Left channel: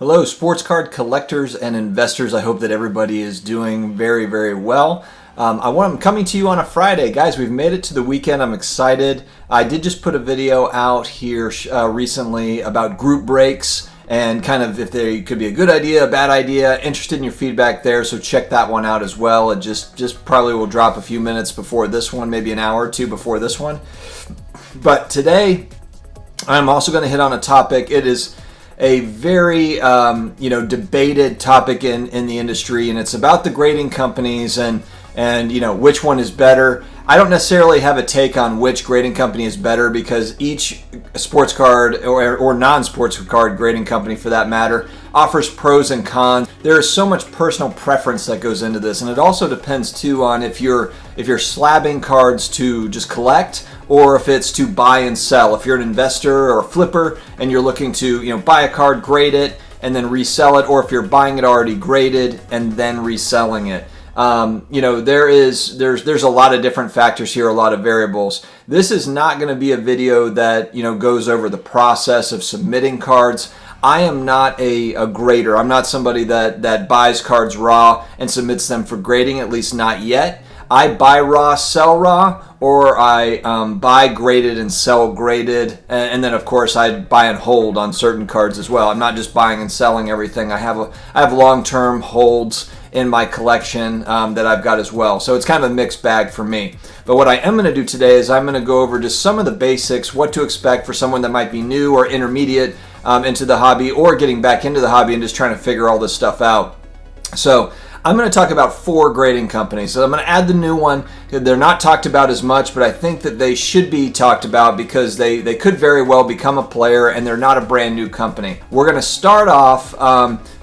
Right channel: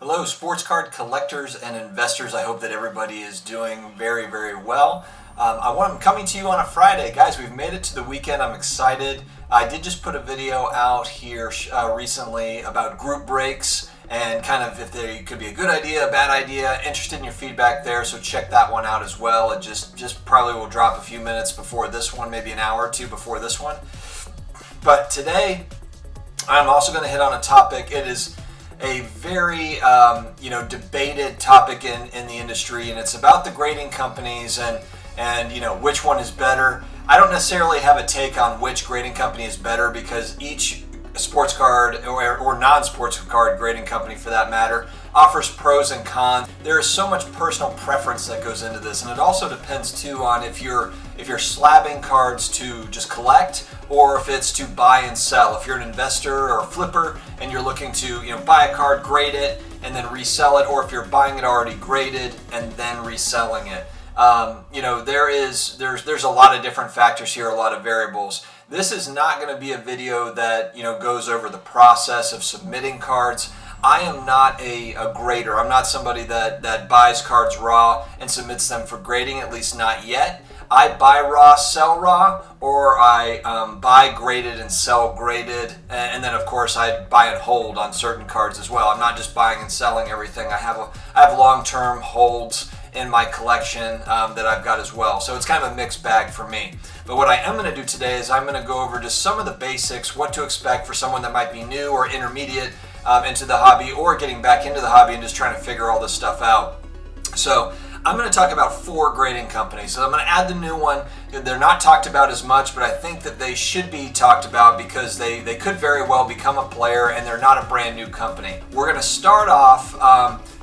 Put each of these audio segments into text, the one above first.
Hello, sports card collectors and investors. I hope that everybody is doing very, very well. I'm coming to you on a Friday. Guys, we've made it to the weekend. I'm excited. I did just put a video out here recently about group breaks and kind of if they could be a good idea, a bad idea. Interested in your feedback there, so check that one out as well. It just probably will drop a few minutes before this one, maybe an hour or two before this one. But today, I'm also going to hit on a topic. It is a very debated topic in the industry, and it's about the grading companies and which one is better. I don't necessarily have a take on which grading company is better because each sports card or non-sports card grading company for that matter offers pros and cons. There is so much personal preference that goes into this, and it also depends too on if you're slabbing cards to just collect or if it's to buy and sell. If you're an investor or a flipper and you're looking to buy a card, grade it, and then resell it, or if you're buying it already graded and then reselling it. There's a lot of different factors here, a lot of variables. This is not going to be a video that goes over the process of submitting cards. I am not a grader. I'm not somebody that buys cards raw and submits them for grading, at least not yet. I buy raw, sell raw, or I buy graded and sell graded, and then of course I buy and hold on certain cards as well. I'm not just buying and selling everything. I have long-term holds in my collection that I've got as well. So it's kind of a mixed bag for me. But what I am going to do today is I'm going to go over just some of the basics, what to expect for someone that might be new or intermediate into the hobby or getting back into the hobby and just trying to figure all this stuff out. So I'm going to talk about 4 grading companies. So I'm going to add the new one. They're not talked about as much, but I think that they should be talked about because they could very well become a player and they're not a brand new company. We're going to start off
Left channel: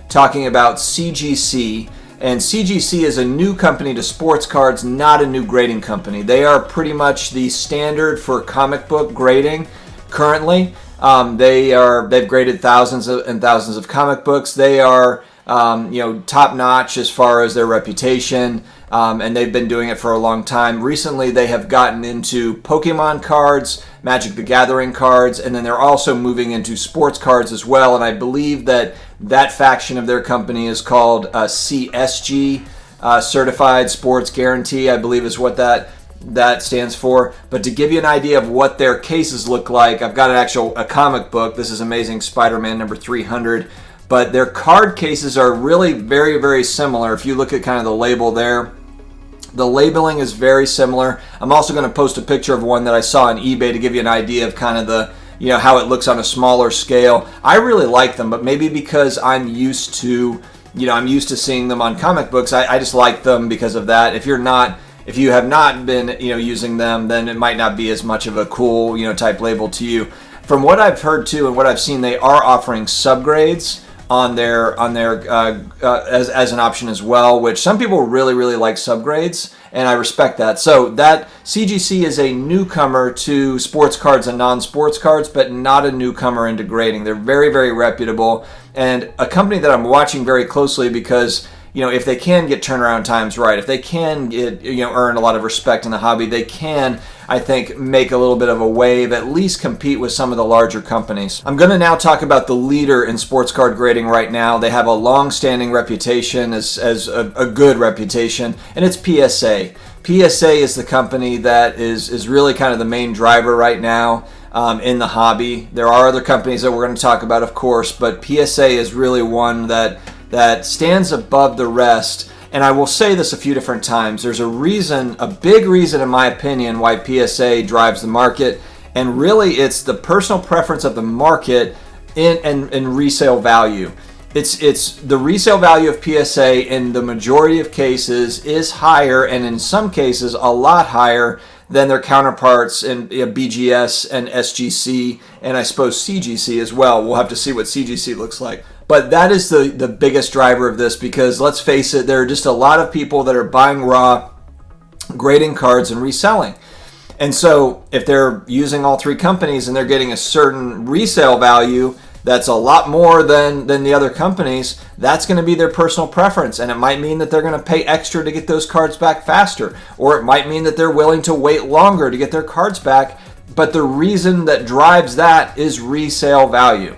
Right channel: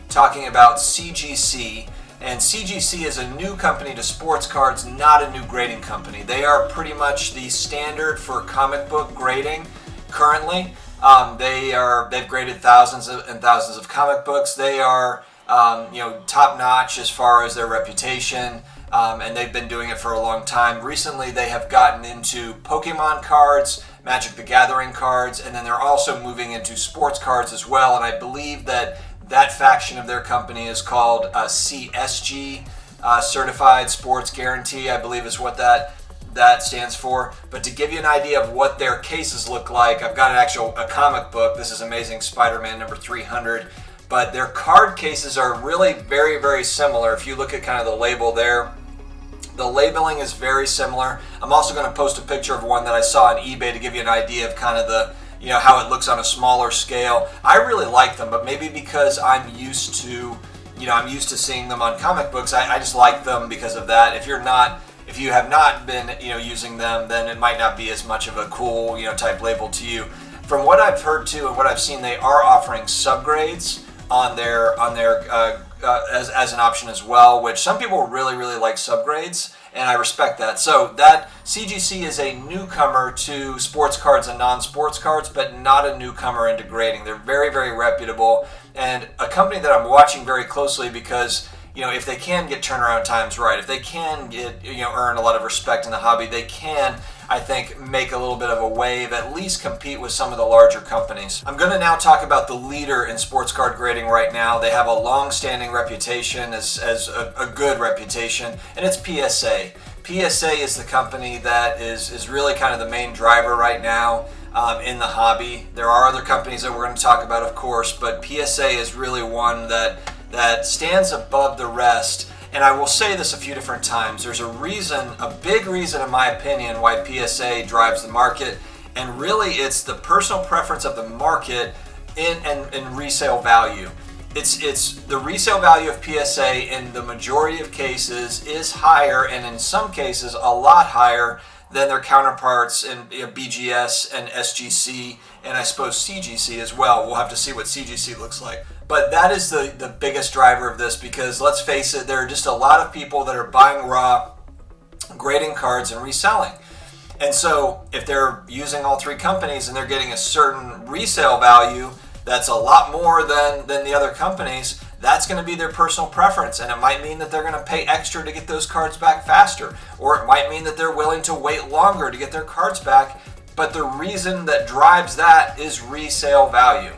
talking about CGC. And CGC is a new company to sports cards, not a new grading company. They are pretty much the standard for comic book grading currently. They've graded thousands and thousands of comic books. They are top notch as far as their reputation, and they've been doing it for a long time. Recently, they have gotten into Pokemon cards, Magic the Gathering cards, and then they're also moving into sports cards as well. And I believe that faction of their company is called CSG, Certified Sports Guarantee, I believe is what that stands for. But to give you an idea of what their cases look like, I've got a comic book. This is Amazing Spider-Man number 300. But their card cases are really very, very similar. If you look at kind of the label there, the labeling is very similar. I'm also going to post a picture of one that I saw on eBay to give you an idea of kind of the how it looks on a smaller scale. I really like them, but maybe because I'm used to seeing them on comic books, I just like them because of that. If you have not been using them, then it might not be as much of a cool type label to you. From what I've heard too and what I've seen, they are offering subgrades on their as an option as well, which some people really, really like subgrades, and I respect that. So that CGC is a newcomer to sports cards and non-sports cards, but not a newcomer into grading. They're very, very reputable and a company that I'm watching very closely because if they can get turnaround times right, if they can get earn a lot of respect in the hobby, they can, I think, make a little bit of a wave, at least compete with some of the larger companies. I'm going to now talk about the leader in sports card grading right now. They have a long-standing reputation as a good reputation, and it's PSA. PSA is the company that is really kind of the main driver right now in the hobby. There are other companies that we're going to talk about, of course, but PSA is really one that stands above the rest. And I will say this a few different times. There's a big reason in my opinion why PSA drives the market, and really it's the personal preference of the market in resale value. It's the resale value of PSA in the majority of cases is higher, and in some cases a lot higher than their counterparts in BGS and SGC, and I suppose CGC as well. We'll have to see what CGC looks like. But that is the biggest driver of this because let's face it, there are just a lot of people that are buying raw, grading cards, and reselling. And so if they're using all 3 companies and they're getting a certain resale value that's a lot more than the other companies, that's going to be their personal preference. And it might mean that they're going to pay extra to get those cards back faster. Or it might mean that they're willing to wait longer to get their cards back. But the reason that drives that is resale value.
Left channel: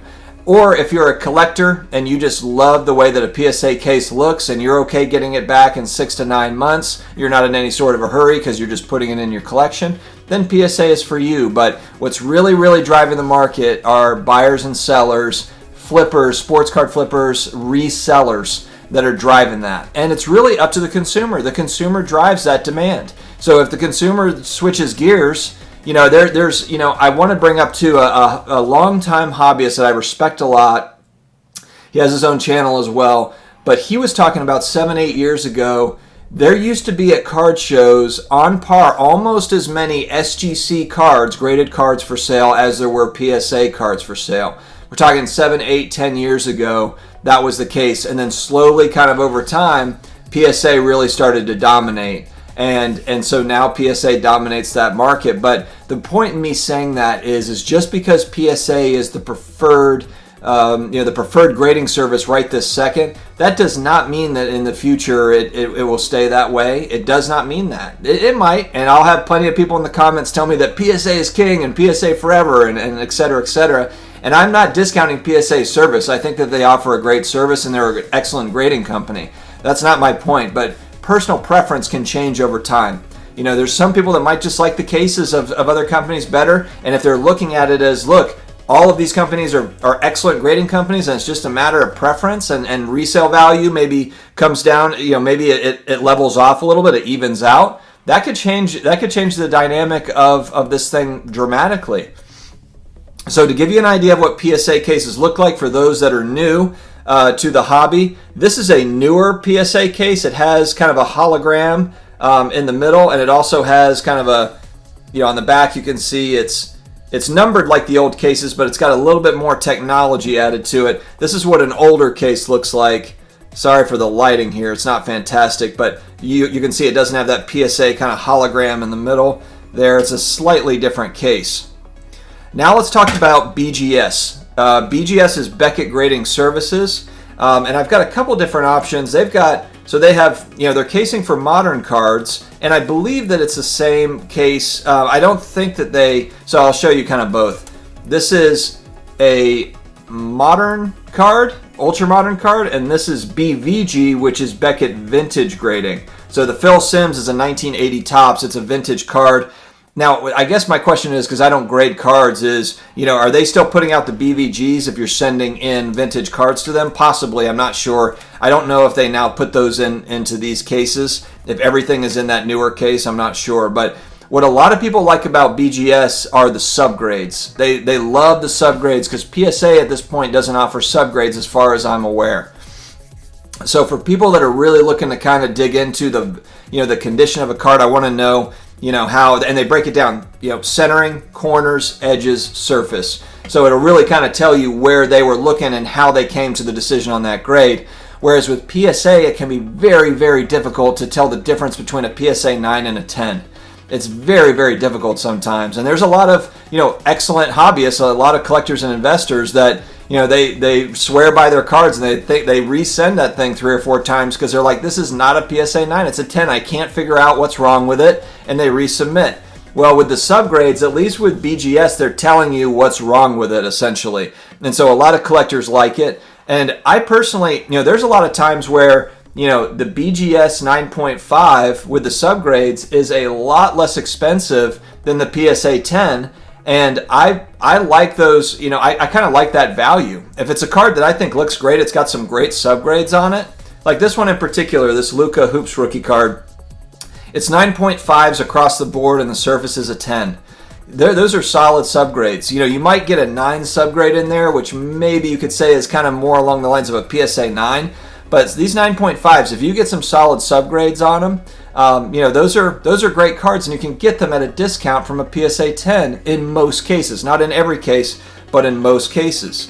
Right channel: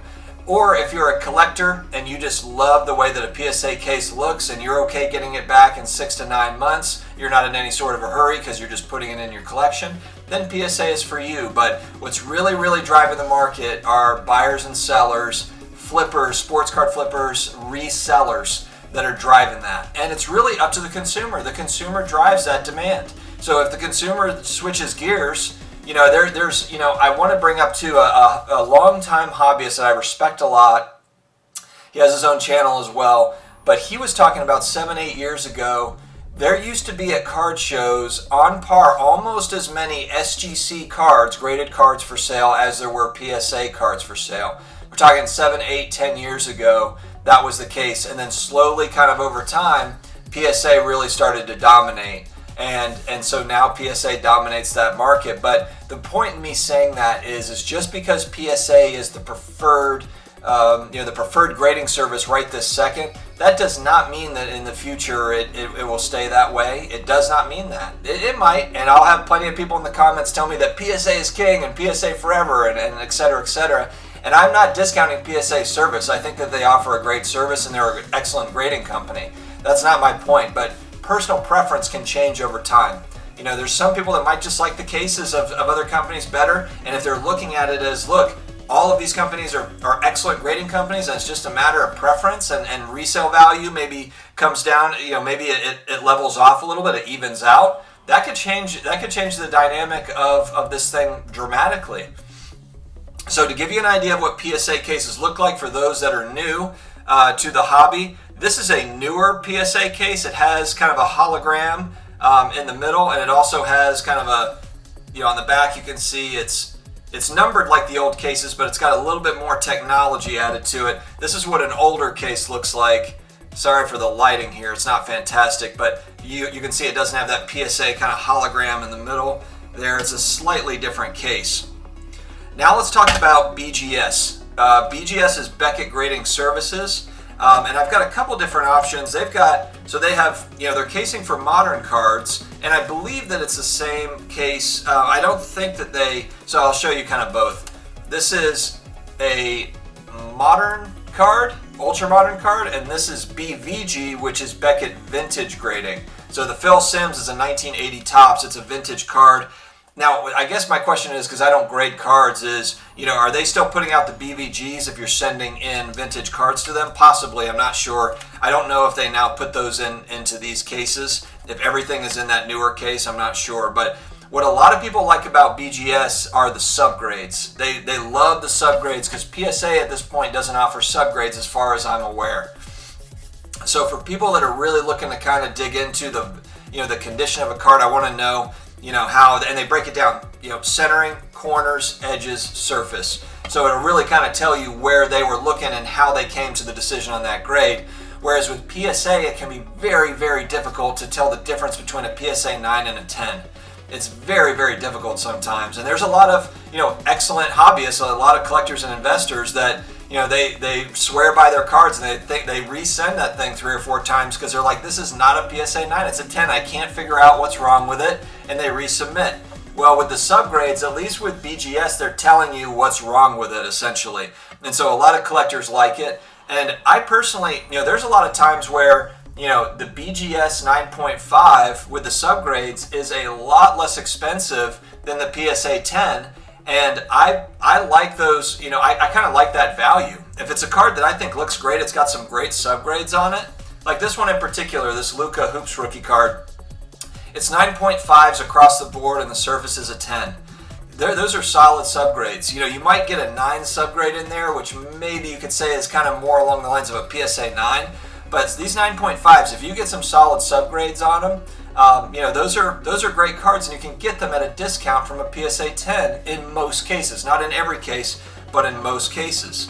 Or if you're a collector and you just love the way that a PSA case looks and you're okay getting it back in 6 to 9 months, you're not in any sort of a hurry because you're just putting it in your collection, then PSA is for you. But what's really, really driving the market are buyers and sellers, flippers, sports card flippers, resellers that are driving that. And it's really up to the consumer. The consumer drives that demand. So if the consumer switches gears, there's I want to bring up too a longtime hobbyist that I respect a lot. He has his own channel as well, but he was talking about 7-8 years ago, there used to be at card shows on par almost as many SGC cards, graded cards for sale, as there were PSA cards for sale. We're talking 7, 8, 10 years ago, that was the case. And then slowly, kind of over time, PSA really started to dominate. And so now PSA dominates that market. But the point in me saying that is just because PSA is the preferred the preferred grading service right this second, that does not mean that in the future it will stay that way. It does not mean that. It might, and I'll have plenty of people in the comments tell me that PSA is king and PSA forever and et cetera, et cetera. And I'm not discounting PSA's service. I think that they offer a great service and they're an excellent grading company. That's not my point, but personal preference can change over time. There's some people that might just like the cases of other companies better, and if they're looking at it as, look, all of these companies are excellent grading companies, and it's just a matter of preference, and resale value maybe comes down, maybe it levels off a little bit, it evens out. That could change the dynamic of this thing dramatically. So to give you an idea of what PSA cases look like for those that are new to the hobby, this is a newer PSA case. It has kind of a hologram in the middle, and it also has kind of a, on the back you can see it's numbered like the old cases, but it's got a little bit more technology added to it. This is what an older case looks like. Sorry for the lighting here, it's not fantastic, but you can see it doesn't have that PSA kind of hologram in the middle there. It's a slightly different case. Now let's talk about BGS. BGS is Beckett Grading Services, and I've got a couple different options. They have, their casing for modern cards, and I believe that it's the same case. I don't think that so I'll show you kind of both. This is a modern card, ultra modern card, and this is BVG, which is Beckett Vintage Grading. So the Phil Simms is a 1980 Topps. It's a vintage card. Now, I guess my question is, because I don't grade cards, is, are they still putting out the BVGs if you're sending in vintage cards to them? Possibly, I'm not sure. I don't know if they now put those into these cases. If everything is in that newer case, I'm not sure. But what a lot of people like about BGS are the subgrades. They love the subgrades because PSA at this point doesn't offer subgrades as far as I'm aware. So for people that are really looking to kind of dig into the condition of a card, I want to know, how, and they break it down, centering, corners, edges, surface. So it'll really kind of tell you where they were looking and how they came to the decision on that grade. Whereas with PSA, it can be very, very difficult to tell the difference between a PSA 9 and a 10. It's very, very difficult sometimes. And there's a lot of, excellent hobbyists, a lot of collectors and investors that, they swear by their cards and they resend that thing 3 or 4 times because they're like, this is not a PSA 9, it's a 10. I can't figure out what's wrong with it, and they resubmit. Well, with the subgrades, at least with BGS, they're telling you what's wrong with it, essentially. And so a lot of collectors like it. And I personally, there's a lot of times where, the BGS 9.5 with the subgrades is a lot less expensive than the PSA 10. And I like those, I kind of like that value. If it's a card that I think looks great, it's got some great subgrades on it. Like this one in particular, this Luka Hoops rookie card. It's 9.5s across the board and the surface is a 10. Those are solid subgrades. You might get a 9 subgrade in there, which maybe you could say is kind of more along the lines of a PSA 9. But these 9.5s, if you get some solid subgrades on them, those are great cards, and you can get them at a discount from a PSA 10 in most cases. Not in every case, but in most cases.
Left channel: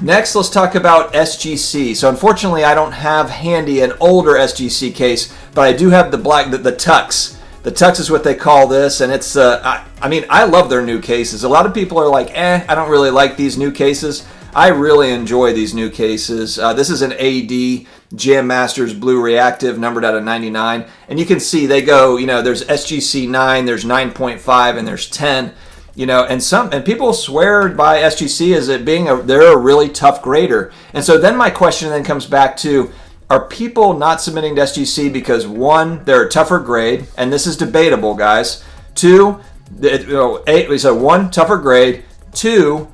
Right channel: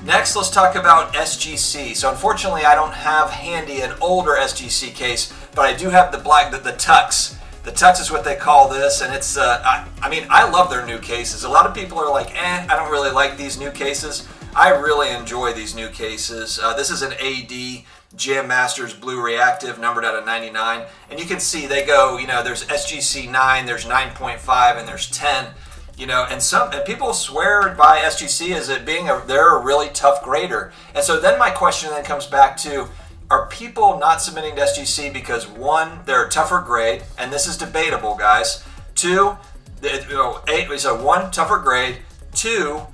Next, let's talk about SGC. So unfortunately, I don't have handy an older SGC case, but I do have the Tux. The Tux is what they call this, and it's, I love their new cases. A lot of people are like, I don't really like these new cases. I really enjoy these new cases. This is an AD Jam Masters Blue Reactive, numbered out of 99. And you can see they go, there's SGC 9, there's 9.5, and there's 10. And people swear by SGC as it being they're a really tough grader. And so then my question then comes back to, are people not submitting to SGC because, one, they're a tougher grade, and this is debatable, guys. Two, one, tougher grade. Two,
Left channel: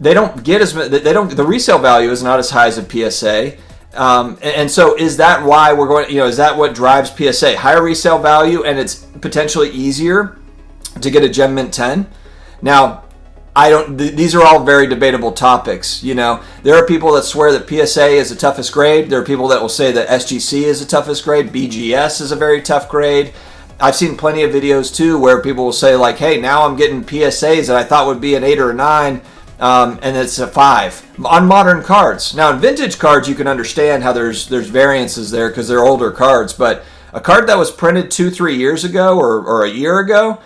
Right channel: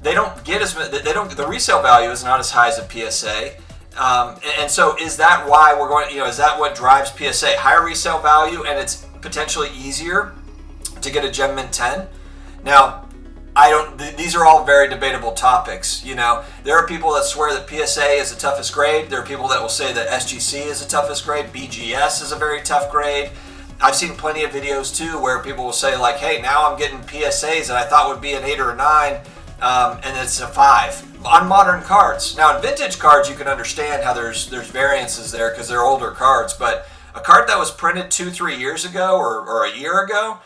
they don't get the resale value is not as high as a PSA. And so is that why we're going, is that what drives PSA? Higher resale value, and it's potentially easier to get a Gem Mint 10? Now, these are all very debatable topics. There are people that swear that PSA is the toughest grade. There are people that will say that SGC is the toughest grade. BGS is a very tough grade. I've seen plenty of videos too where people will say like, hey, now I'm getting PSAs that I thought would be an 8 or a 9, and it's a 5 on modern cards. Now in vintage cards, you can understand how there's variances there because they're older cards, but a card that was printed 2-3 years ago or a year ago,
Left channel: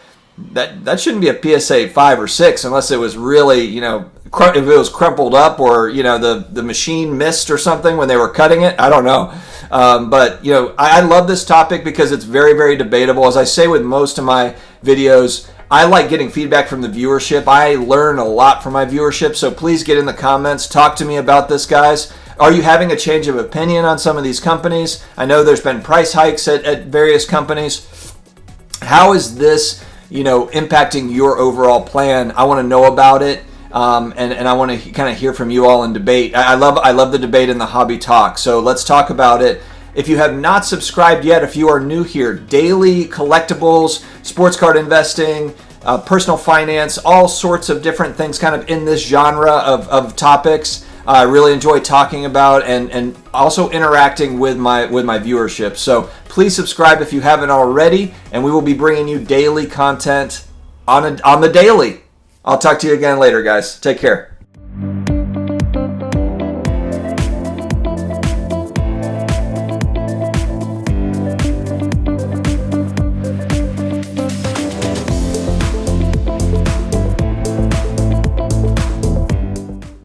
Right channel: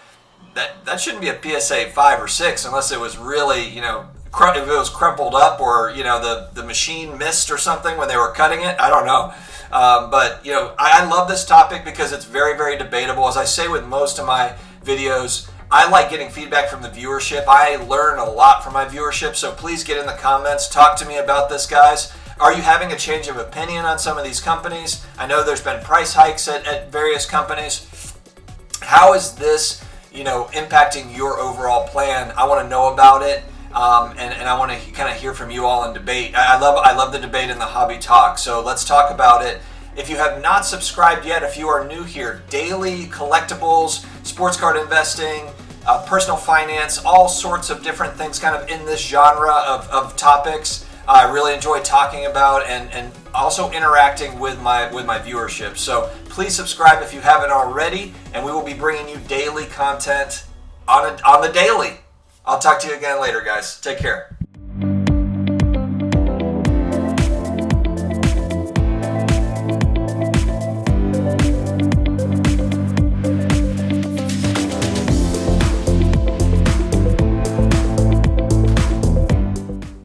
that shouldn't be a PSA 5 or 6 unless it was really, if it was crumpled up or, the machine missed or something when they were cutting it. I don't know. But I love this topic because it's very, very debatable. As I say with most of my videos, I like getting feedback from the viewership. I learn a lot from my viewership, so please get in the comments. Talk to me about this, guys. Are you having a change of opinion on some of these companies? I know there's been price hikes at various companies. How is this impacting your overall plan? I want to know about it, and I want to kind of hear from you all in debate. I love the debate in the hobby talk, so let's talk about it. If you have not subscribed yet, if you are new here, daily collectibles, sports card investing, personal finance, all sorts of different things kind of in this genre of topics. I really enjoy talking about and also interacting with my viewership. So please subscribe if you haven't already, and we will be bringing you daily content on the daily. I'll talk to you again later, guys. Take care.